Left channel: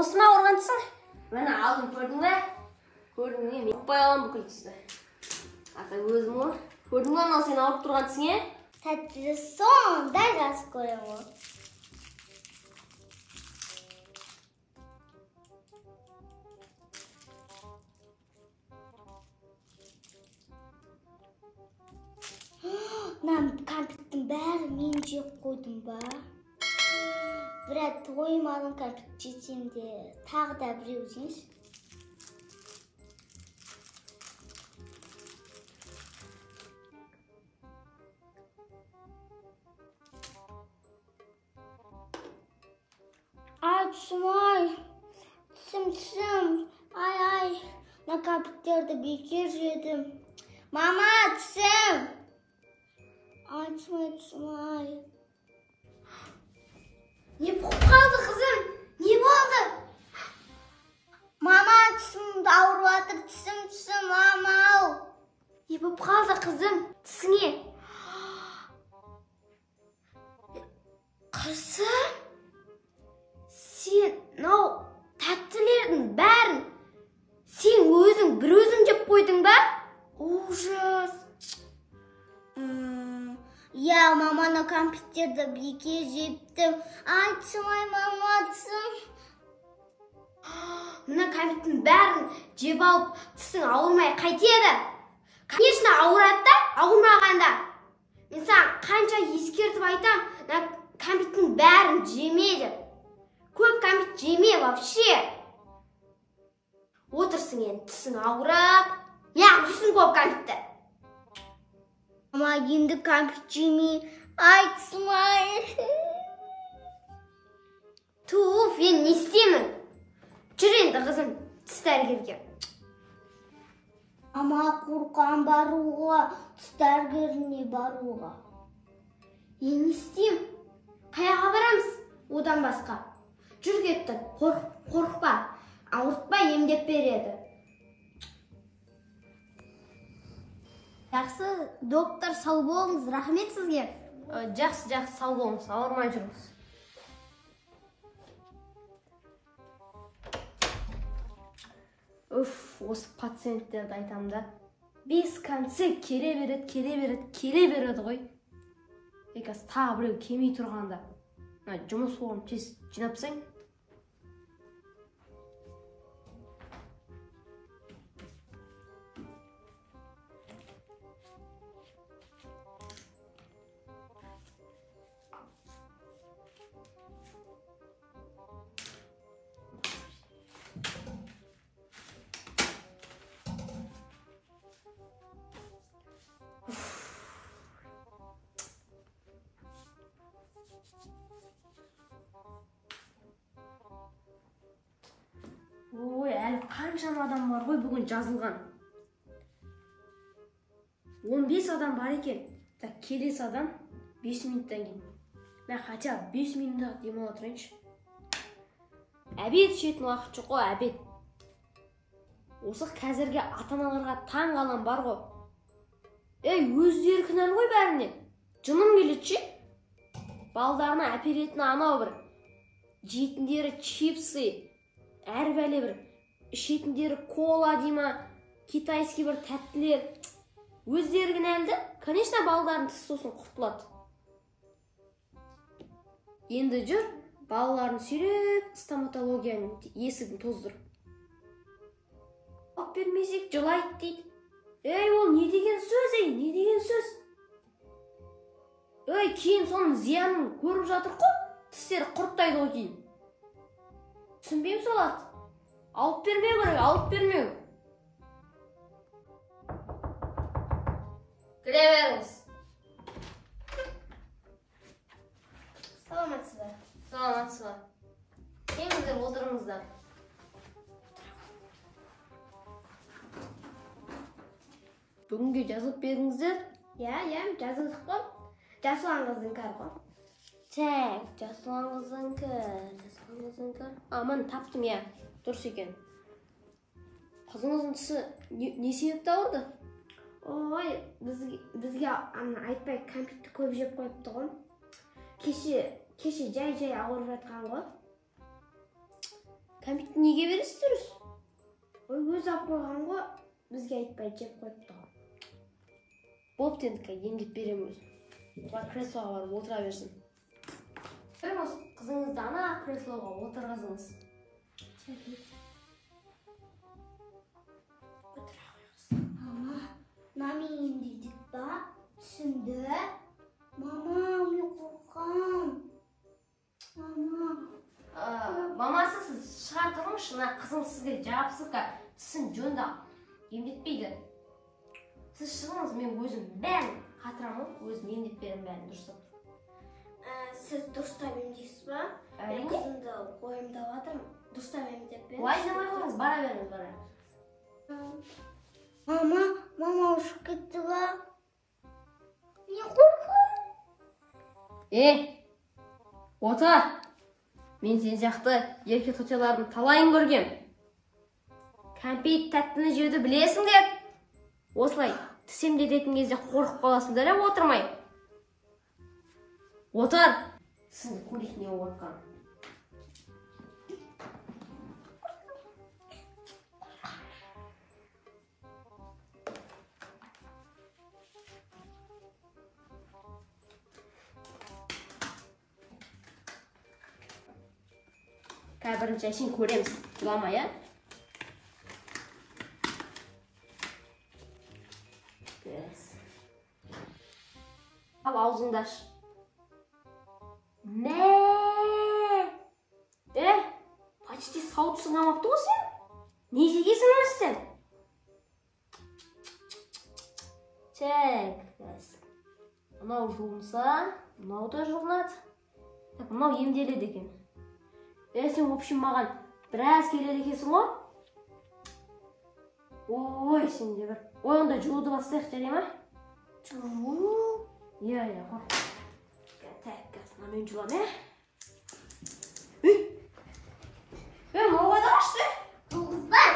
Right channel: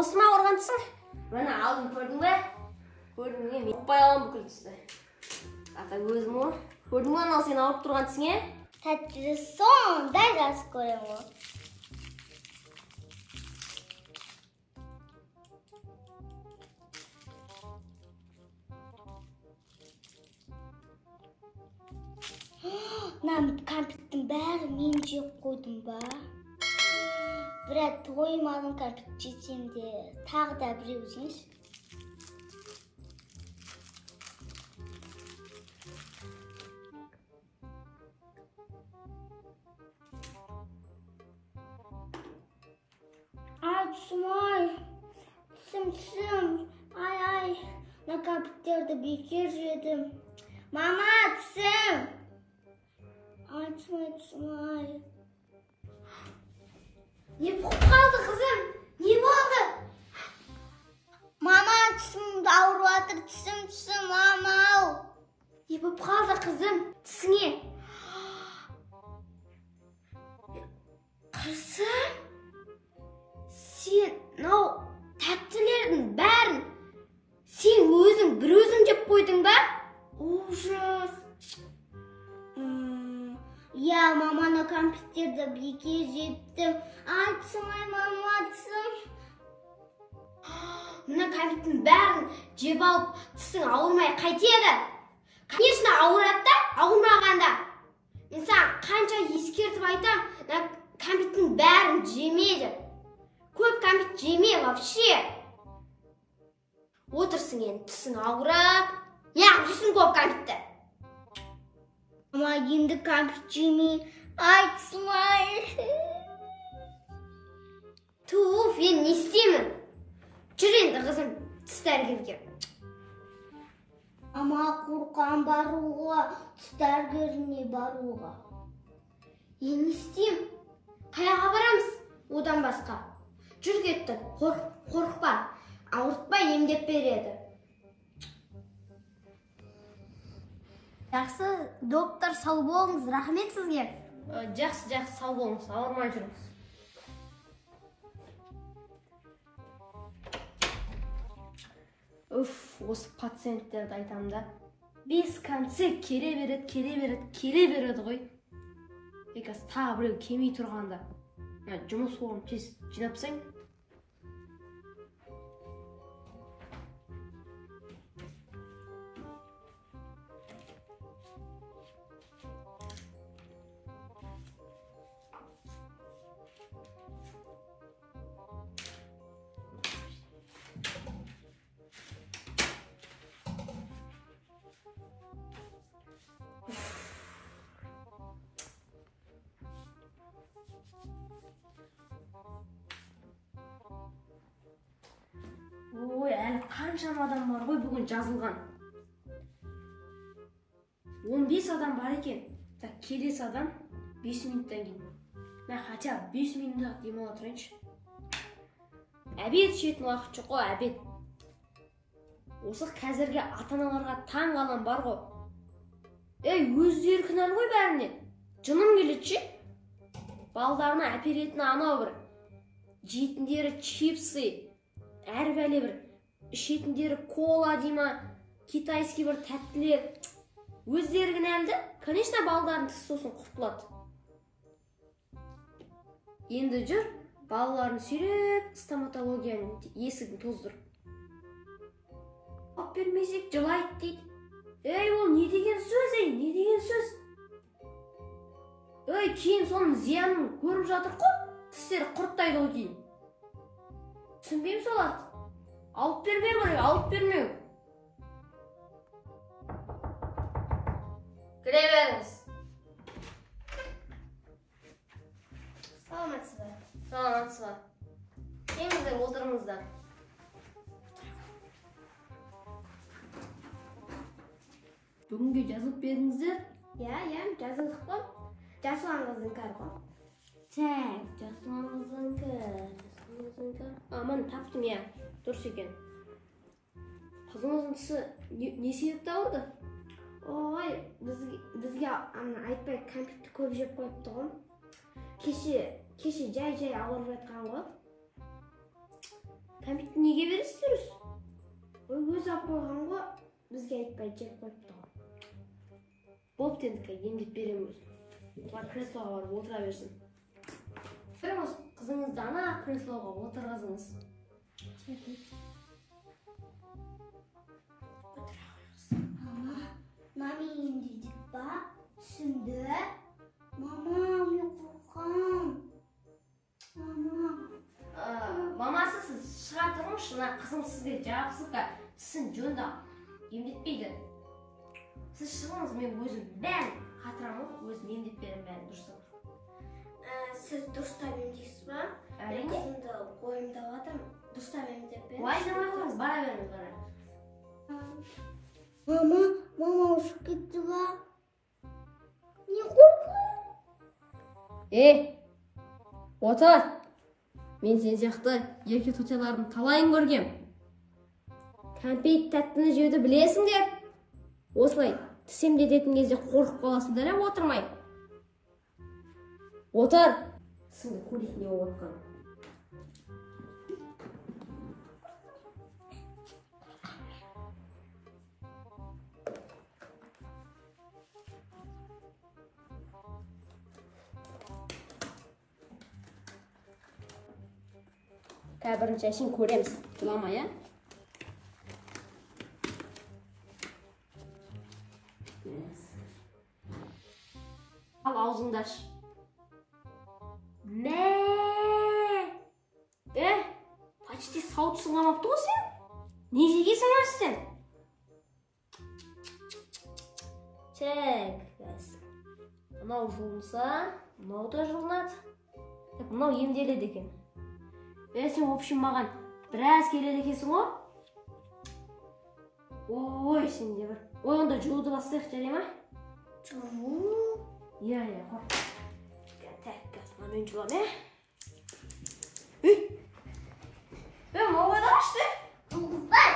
Осыма ауырғансың? Мені алдым, көрдің бе? Көрдің бе? Мен ұқпай алам бүкіл түсті. Ата өзім о. Көрдің бе, анау сен ауырып тұрғансың, е? Тәттіді сонда жақсы көрем о. Кәмпиттің бәрі мен жеп қойдым ба? Бірақ тоймадым кәмпит жесем де, тағы да біреу жейінші. Ай, түсім ай, түсім, ай, на кәмпиттерді бекер жедім. Мама, түсім! Ай, түсім ай. Не болып қалды, қызым? Не болды? Мама, түсімді ауырып жатыр, түсім, мама-ау. Не болып қалды, қызым? Түсіңе? Қызым? Сен, тәттілердің бәрін сен өзің бір өзің жеп қойдың ба? Ужас. Я, маманы кәмпиттерді бекер жептім. Ай, түсім, ай, мама, түсім. Мына кәмпиттің бәрін жеп алып, тісің ауырмай қайтеді. Конечно, ауырады да, ауырмағанда. Мен саған қанша ескертіп айтам, кәмпиттің бәрін жемейді. Көп кәмпит жеме вообще. Отырсың енді, тісің ауырап, неғып жейсің көп кәмпитті? Мама, енді кәмпит жемей. Ай, түсім, ай. Туф, мен не істеймін? Жүр енді қызым, тіс дәрігерге. Ама, қорқам баруға, тіс дәрігеріне баруға. Не істеймін? Қаяға барамыз? Одан басқа. Жүр кетті, қорықпа, ауыртпай емдеп береді. Жақсы, доктор, сау болыңыз, рахмет сізге. Жақсы, сау болыңыз, ауырмай жүріңіз. Осы пациенттерді айтам да. 5 концерт келе береді ғой. Еказ тағы біреу келмей тұрғанда. Жұмыс орнын тез жинапсаң. Ой, әлі қаншама адам бар ғой бүгін жазылған. 15 адам бар екен. Келесі адам 5 минуттан кейін. Мен хотя 5 минутта демала тұрайыншы. Әбет ішетін уақыт жоқ қой, әбет. Осы қазірге ата-аналарға таң қалам бар ғой. Өздері кінәлі ғой бәріне. Жыным келетші. Балдарына әперетін анау бір. Жетіндері чипсы. Әр бәле бір. Ішетіндері кола дейма. Китайский бір тәттілер. Өздері кінәлді. Конечно, балдарын тіс сосын құртылады. Енді жүр. Балаларын сүйреп стоматологияның есігін тоздыр. Ап бермесек жылайды дейді. Ол не деген сөз, не деген сөз? Кейін соның зиянын көріп жатыр қой. Тістері құрттайды ғой кейін. Түсінбеймін соларды. Алып бермеу керек, алып бермеу. Кіре беріңіз. Саламатсыздар. Саламатсыздар. Келіңіздер, отырыңыздар. Бүгінге жазылып беріңіздер. Жазылдық қой. Жасылан қыздың кәрі қой. Жасылан қыздың кәрі. Аман таптым, дұрыс екен. Қызыңыздың тісі не себепті ауырды? Bizge aytpay kompyutni ko'p jeb qo'yibdi-ku. Keshi jay og'irib yotgan-ku. Kompyutni nega berasiz? O'zi olib qo'ygan-ku, bizga aytpay jeb qo'yibdi. Bo'pti endi, emdib beramiz. Va kresloga borib o'tiraversin. Birimiz qizingizni ana kresloga o'tirg'izamiz. Mama dedik ba, tushundu. Mama, men qo'rqaman. Mamasi siz chiqartiring, shuna qizim sizga javobsizga tisin jo'nda emdetmaydi. Siz chiqingiz, men o'zim bari xatiraman, o'zim emdeb beraman bari dursa. Siz durustab emdeysizmi? Men qizimni qo'yimda o'tirdim. Durustab emdeb bering. Voy, nima qilamiz? Boraveramiz. Mama ushib ketdi-ku. Men qo'rqaman. O'tir. Men sen yoqda yerga to'talarni talayin ko'rgam. Kompyut tattini jevdi bilasing deb. O'slay, tisem degan кезде qo'rqib qolasizlar, o'tirmay. O'tir. Sizni ko'rik ne o'tgan. Birinchi ishini ko'ramiz. Julama ya. Al ağzını aç. Ne? Почти сауыт сыңамапты ғой сен? Не жегесің sen? Çek. Мынау жуынса, мынау да жуынады. Мынау емделеді екен. Сен, в общем, маған біраз келеді екенсің ғой? Ой, сен де бір. Ой, онда жууды бастайық, жарай ма? Жуу? Иә, қор. Так, мен жуам, мынау да ашты? Жұлдызбай!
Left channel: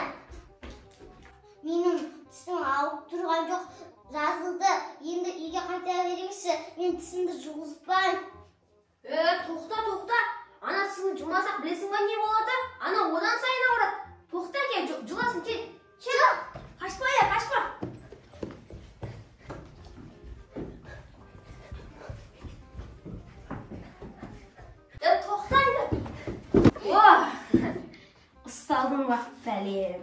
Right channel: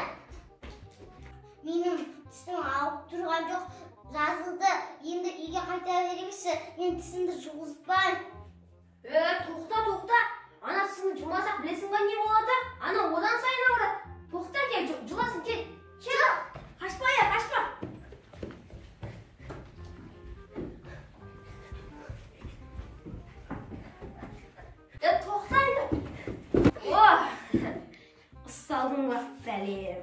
Менің тісім ауып тұрған жоқ. Жазылды. Енді үйге қайта беремеші. Мен тісімді жұлдызбай. Тоқта. Ана тісіңді жұмасақ білесің ба не болады? Ана одан сайын ауырады. Тоқта, кел, жыласың, кел. Кел, қашпа. Тоқта енді. Ұсталдың ба, бәлем.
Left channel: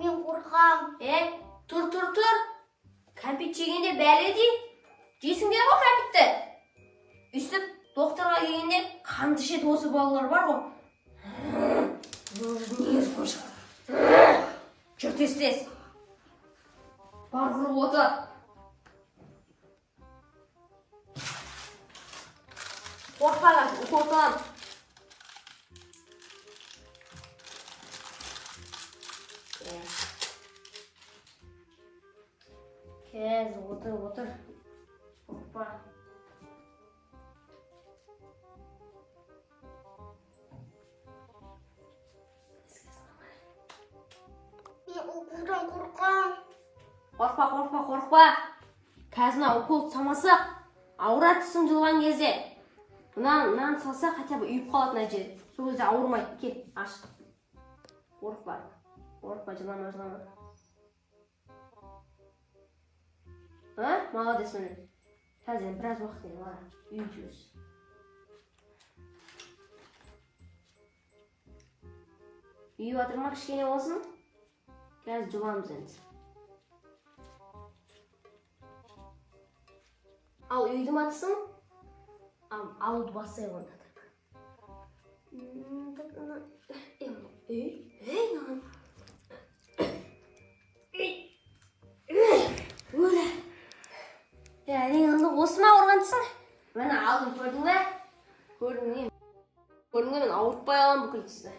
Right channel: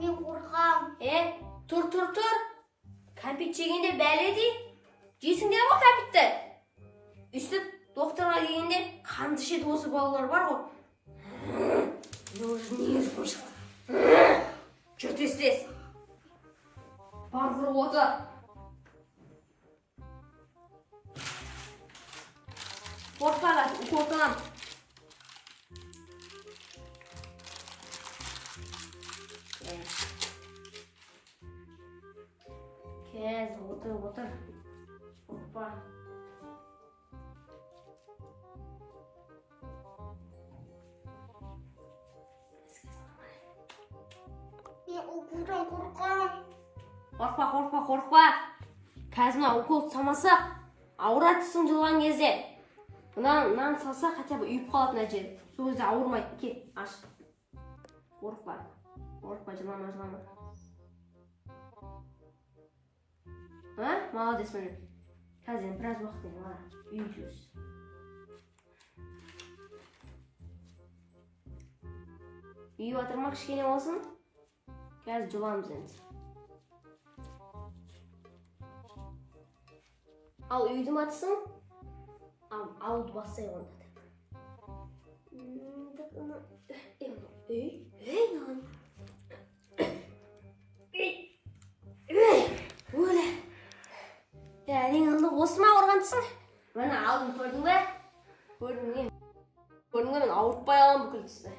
Мен қорқам. Тұр. Компьют жегенде бәле дей. Жесіңдер ғой компьютті. Үстіп, доктарға келгенде қанды ішеді осы балалар бар ғой. Жүр тез. Бар құрып отыр. Қорқпағаш, укол. Қазір отыр. Қорқпа. Мен уколдан қорқам. Қорқпа. Қазір укол самаса, ауыратысың жылған кезде. Нан салса, хотя бы үйіп қалатын әже. Сол кезде ауырмайды. Кел, аш. Қорқпа, жылама. Молодец мені. Қазір біраз уақыт еді, үйіп. Үйіп атырма кішкене болсын. Қазір жыламыз енді. Ал үйдің атысын, алуды бастай ғанда. Өлі. Осы ма ауырғандысың? Мәні алдым, көрдің бе? Көрдің мен ауыртпай алам бүкіл тісті.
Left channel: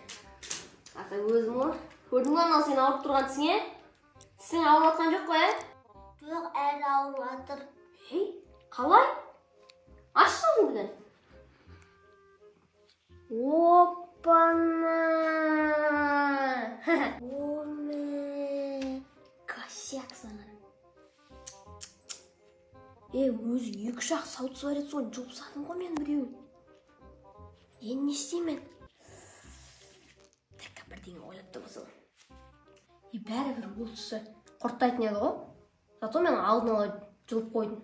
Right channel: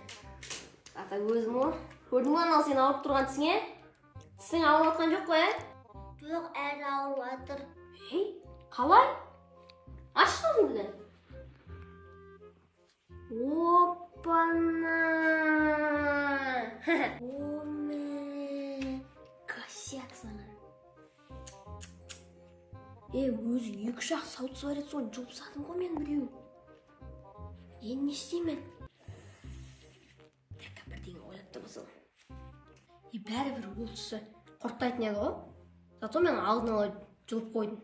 Ата өзім ол. Көрдің бе анау сен ауырып тұрған тісің, Тісің ауырып атқан жоқ қой, Жоқ, әлі ауырып атыр. Қалай? Ашсың бірден. Опана! Оме! Косяк саған. Өзі 2 ақ сауыт бар еді, соны жұлып тастадым ғой мен біреуін. Енді не істеймін? Тәкка бірдеңе ойлап табасың. Бәрібір ол түсі құрттайтын еді ғой. Зато мен алдын ала жұлып қойдым.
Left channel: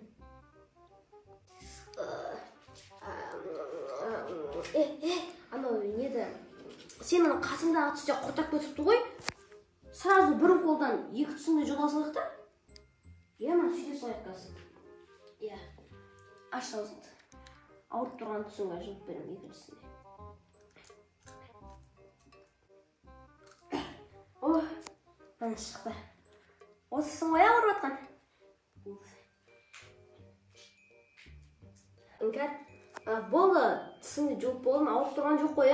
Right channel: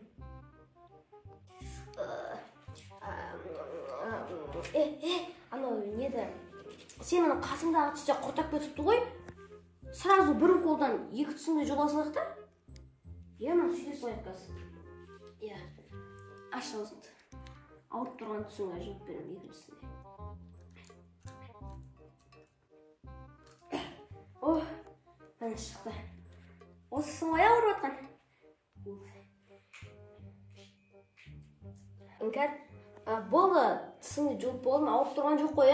Анау неді? Сенің қасыңдағы түсте құртап кетіпті ғой. Сразу бір қолдан 2 түсіңді жұла салайық та. Мына сөйлей салайық қазір. Аш аузыңды. Ауырып тұрған түсіңе жұлып берем екіншісіне. Мына шықты. Осысын ғой ауырып отқан. Іңкәр, болды түсіңді жұлып болдым, ауырып тұрған жоқ қой,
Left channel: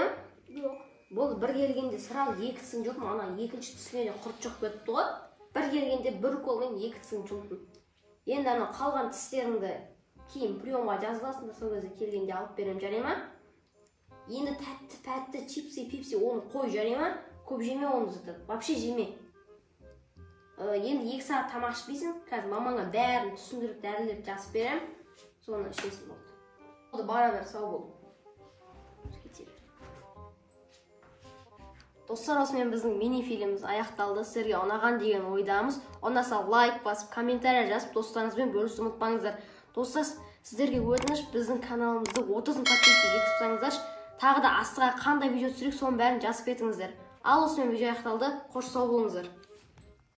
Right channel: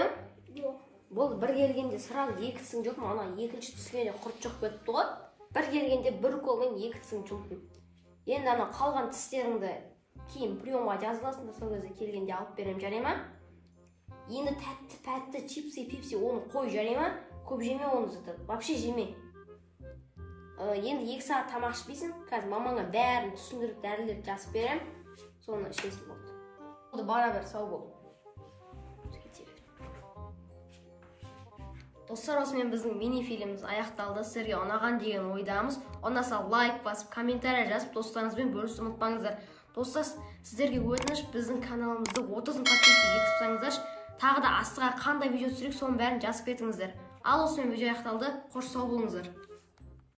Жоқ. Болды бір келгенде сразу 2 түсін жұлдым, ана екінші түсіне де құрт жоқ кетіпті ғой. Бір келгенде бір қолмен 2 түсін жұлдым. Енді ана қалған тістеріңді кейін приемға жазып аласың да, сол кезде келгенде алып берем, жарай ма? Енді тәтті, пәтті, чипсы, пепси оны қой, жарай ма? Көп жеме оны заты, вообще жеме. Енді 2 сағат тамақ ішпейсің, қазір мамаңа бәрін түсіндіріп, дәрілерді жазып берем, соны ішесің болды. Болды, бара бер, сау бол. Достар, осымен біздің мини-фильміміз аяқталды. Сіздерге ұнаған деген ойдамыз. Ұнаса лайк басып, комментарий жазып, достарыңызбен бөлісуді ұмытпаңыздар. Достар, сіздерге өтініш, біздің каналымызды 30 000 подписчикке жеткізіп тастаңыздар. Тағы да астыға қандай видео түсірейік, соның бәрін жазып кетіңіздер. Ал осымен видео аяқталды. Қош сау болыңыздар.